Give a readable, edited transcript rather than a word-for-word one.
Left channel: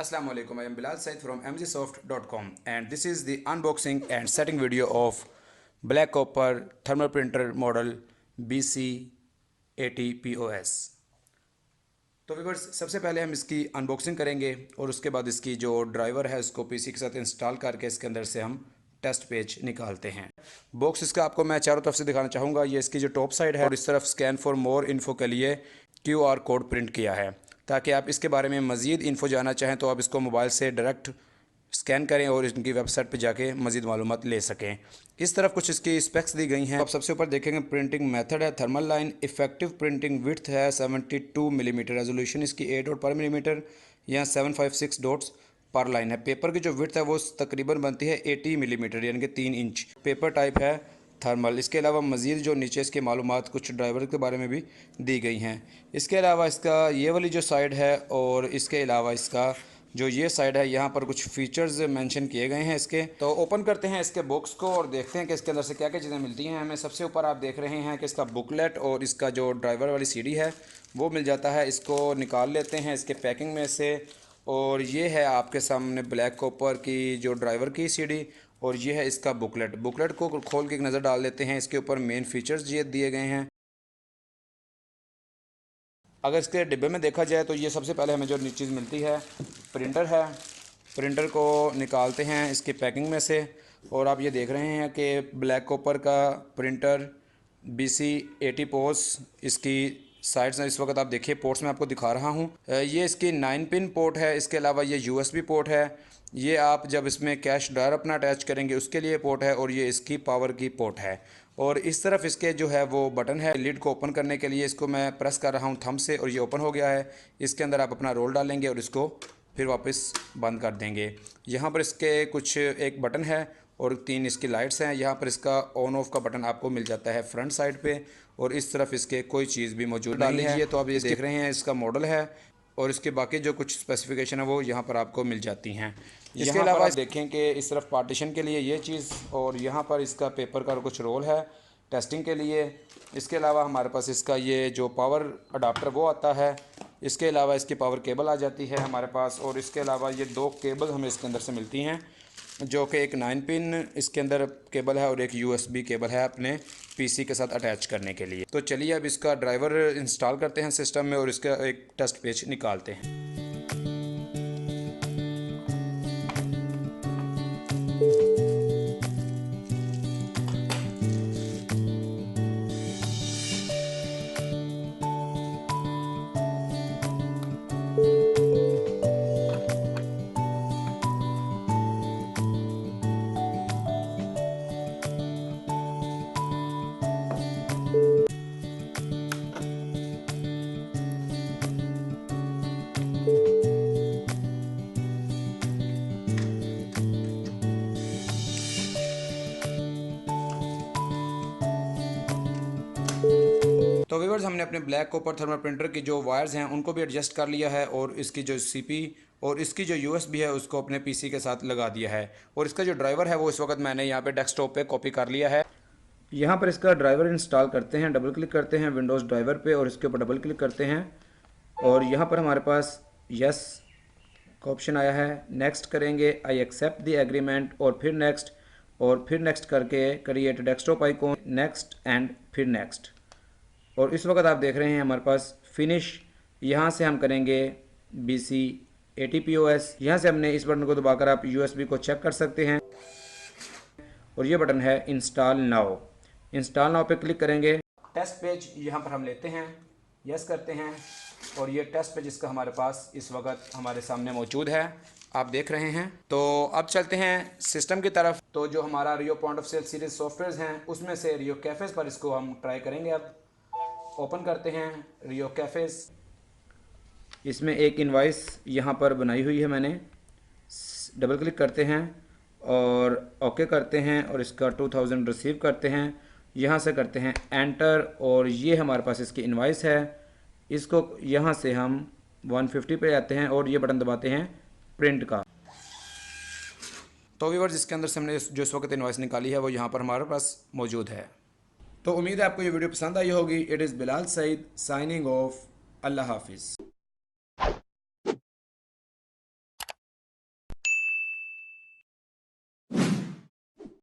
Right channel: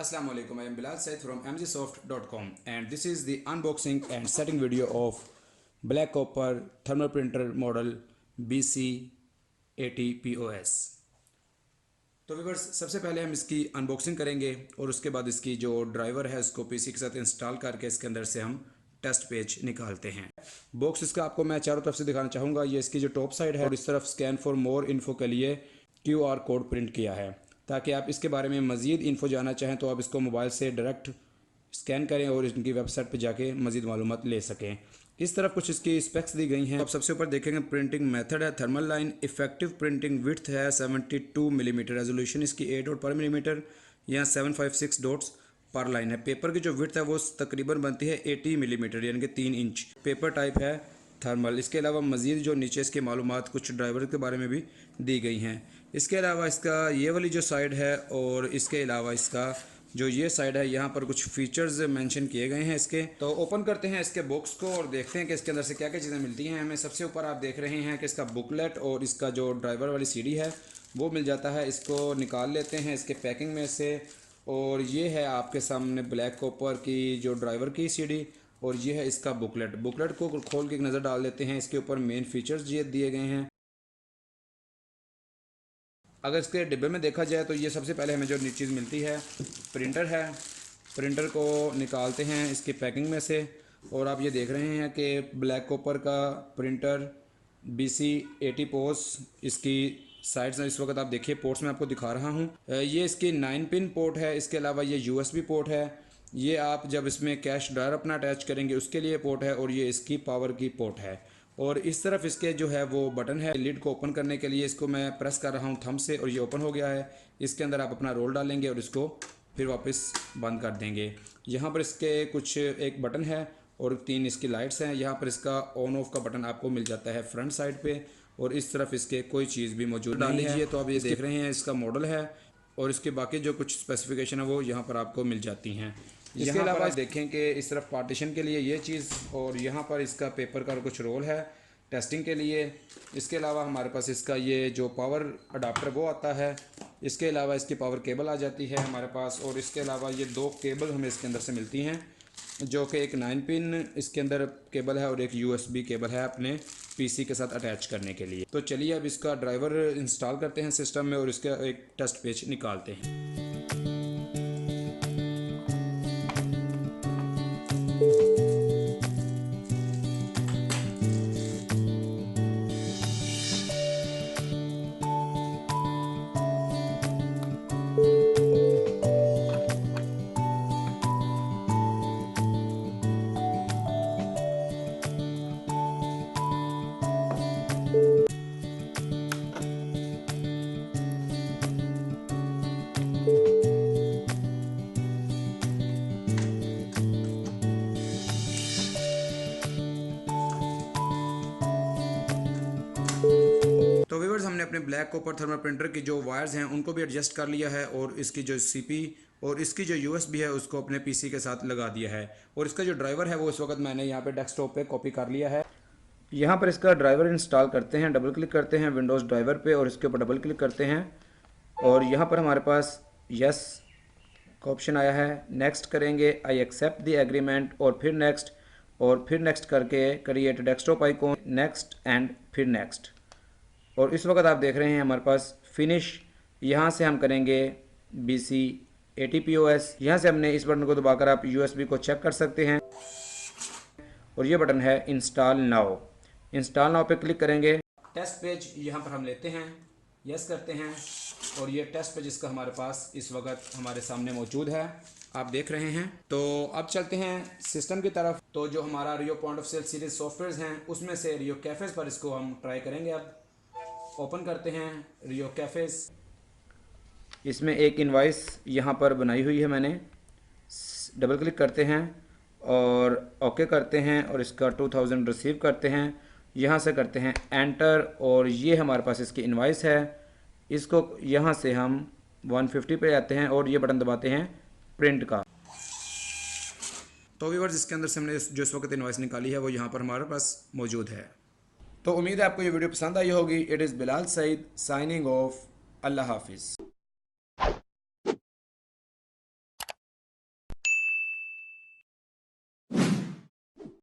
Assalamu alaikum. I am Bilal Said from mgsoft.com and this is the unboxing and setting video of black copper thermal printer model BC80POS। तो viewers, सबसे पहले हम इसकी unboxing करेंगे और उसके बाद इसकी जो ड्राइवर है उसको पीसी के साथ इंस्टॉल करके इसके अंदर से हम टेस्ट पेज निकालते हैं। बॉक्स इसका आपको मैं चारों तरफ से दिखाना चाहूँगा। ये इसकी जो टॉप साइड है और इस तरफ स्कैन फॉर मोर इन्फो के लिए QR कोड प्रिंट किया है, ताकि आप इसके बारे में मज़ीद इन्फो जानना चाहें तो आप इसको मोबाइल से डायरेक्ट स्कैन करें और इनकी वेबसाइट पर जाके मज़ीद मालूमात ले सकें। इस तरफ कुछ इसकी स्पेक्स दी गई हैं। आप सबसे ऊपर देखेंगे प्रिंटिंग मेथड है thermal line, effective printing width है 72 मिलीमीटर, रेजोल्यूशन इसकी 8 डॉट पर मिलीमीटर या 756 डॉट्स पर लाइन है। पेपर की जो विड्थ है वो तकरीबन बनती है 80 मिलीमीटर यानी कि 3 इंच। पेपर टाइप है थर्मल। इसके अलावा मज़ीद जो नीचे इसके मालूमात कुछ ड्राइवर के बारे में भी दी गई हैं। इसके अलावा इसका ये वाली जो साइड है और इसके अलावा इसका जो ये साइड है, यहाँ पर कुछ फीचर्स मेंशन किए गए हैं इसके। तो ओपन करते हैं इसके बॉक्स को और देखते हैं कि इसके अंदर से क्या क्या चीज़ें मिलती हैं हमें। सबसे ऊपर आप देख रहे हैं कि इसका बुकलेट और इसका जो ड्राइवर वाली सीडी है वो मिल जाता है। इसको निकाल लेते हैं इसके पैकिंग में से और ये है आपके सामने ब्लैक कॉपर की जो ड्राइवर की सीडी और ये है इसका बुकलेट। बुकलेट को खोल के एक नज़र डाल लेते हैं। इसके ऊपर मेन फीचर्स ये दिए गए हैं। अगर इसके डिब्बे में देखा जाए तो ये सबसे पहले हमें जो चीज़ मिलती है प्रिंटर है। प्रिंटर को निकालते हैं इसकी पैकिंग में से और आप ये देख रहे हैं कि ब्लैक कॉपर का प्रिंटर BC80POS। इसकी साइड्स इस वक्त आप देखिए पोर्ट्स में आपको दिखा रहा हूँ। ये इसकी 9 पिन पोर्ट है। इसके अलावा ये USB पोर्ट है। ये आप जब इसमें कैश ड्रायर अपना अटैच करेंगे उसके लिए पोर्ट है और ये इसकी पावर की पोर्ट है। और इस तरफ इसके जो है वो बटन है लिड को ओपन करने के लिए। इसको मैं प्रेस कर रहा हूँ थंब से और ये ओपन हो गया है। इसके अंदर आप अपना रोल डालेंगे और इसको फिर वापस बंद कर देंगे। यहाँ पर इसके कुछ एक बटन है और 3 इसकी लाइट्स हैं। यहाँ पर इसका ऑन ऑफ का बटन आपको मिल जाता है फ्रंट साइड पे और इस तरफ इसके कोई चीज़ भी मौजूद नहीं है। तो आप ये देख रहे हैं इसका मॉडल है और इसके बाकी जो कुछ स्पेसिफिकेशन है वो यहाँ पर आपको मिल जाती हैं। इसके अलावा देखें कि इस तरफ पार्टीशन के लिए ये चीज़ और यहाँ पर इसका पेपर का कुछ रोल है टेस्टिंग के लिए। इसके अलावा हमारे पास इसका ये जो पावर अडाप्टर वो आता है। इसके अलावा इसकी पावर केबल आ जाती है हमारे पास और इसके अलावा ये 2 केबल हमें इसके अंदर से मिलती हैं, जो कि एक 9 पिन इसके अंदर केबल है और एक USB केबल है अपने PC के साथ अटैच करने के लिए। तो चलिए अब इसका ड्राइवर इंस्टॉल करते हैं सिस्टम में और इसका एक टेस्ट पेज निकालते हैं। तो व्यूअर्स, हमने अपने ब्लैक कॉपर थर्मल प्रिंटर की जो वायर्स हैं उनको भी एडजस्ट कर लिया है और इसकी जो CP और इसकी जो USB है उसको अपने PC के साथ लगा दिया है। और इसका जो ड्राइवर है वो इस वक्त मैंने यहाँ पे डेस्कटॉप पे कॉपी कर लिया है। यहाँ पर इसका ड्राइवर इंस्टॉल करते हैं। डबल क्लिक करते हैं विंडोज़ ड्राइवर पे और इसके ऊपर डबल क्लिक करते हैं और यहाँ पर हमारे पास यस का ऑप्शन आया है। नेक्स्ट करेंगे, आई एक्सेप्ट द एग्रीमेंट और फिर नेक्स्ट करके create desktop icon, next and फिर नेक्स्ट। और इस वक्त आप देख रहे हैं हमारे पास फिनिश। यहाँ से हम करेंगे BC80POS। यहाँ से हमने इस बटन को दबाकर आप USB को चेक कर सकते हैं और ये बटन है इंस्टॉल नाउ। इंस्टॉल नाउ पे क्लिक करेंगे। टेस्ट पेज यहाँ पर हम लेते हैं, यस करते हैं और ये टेस्ट पेज इसका हमारे पास इस वक्त हमारे सामने मौजूद है, आप देख रहे हैं। तो अब चलते हैं सिस्टम की तरफ। तो जो हमारा Rio point of sale series software हैं उसमें से रियो कैफेज पर इसको हम ट्राई करेंगे। अब ओपन करते हैं रियो कैफेज। इसमें एक इनवाइस यहाँ पर बनाई हुई है मैंने। डबल क्लिक करते हैं और ओके करते हैं और इसका 2000 रिसीव करते हैं। यहाँ से करते हैं एंटर और ये हमारे पास इसकी इनवाइस है। इसको यहाँ से हम 150 पे जाते हैं और ये बटन दबाते हैं प्रिंट का। तो व्यूअर्स, इसके अंदर से हमने जो इस वक्त इनवाइस निकाली है वो यहाँ पर हमारे पास मौजूद है। तो उम्मीद है आपको ये वीडियो पसंद आई होगी। It is Bilal Saeed signing off. अल्लाह हाफिज़।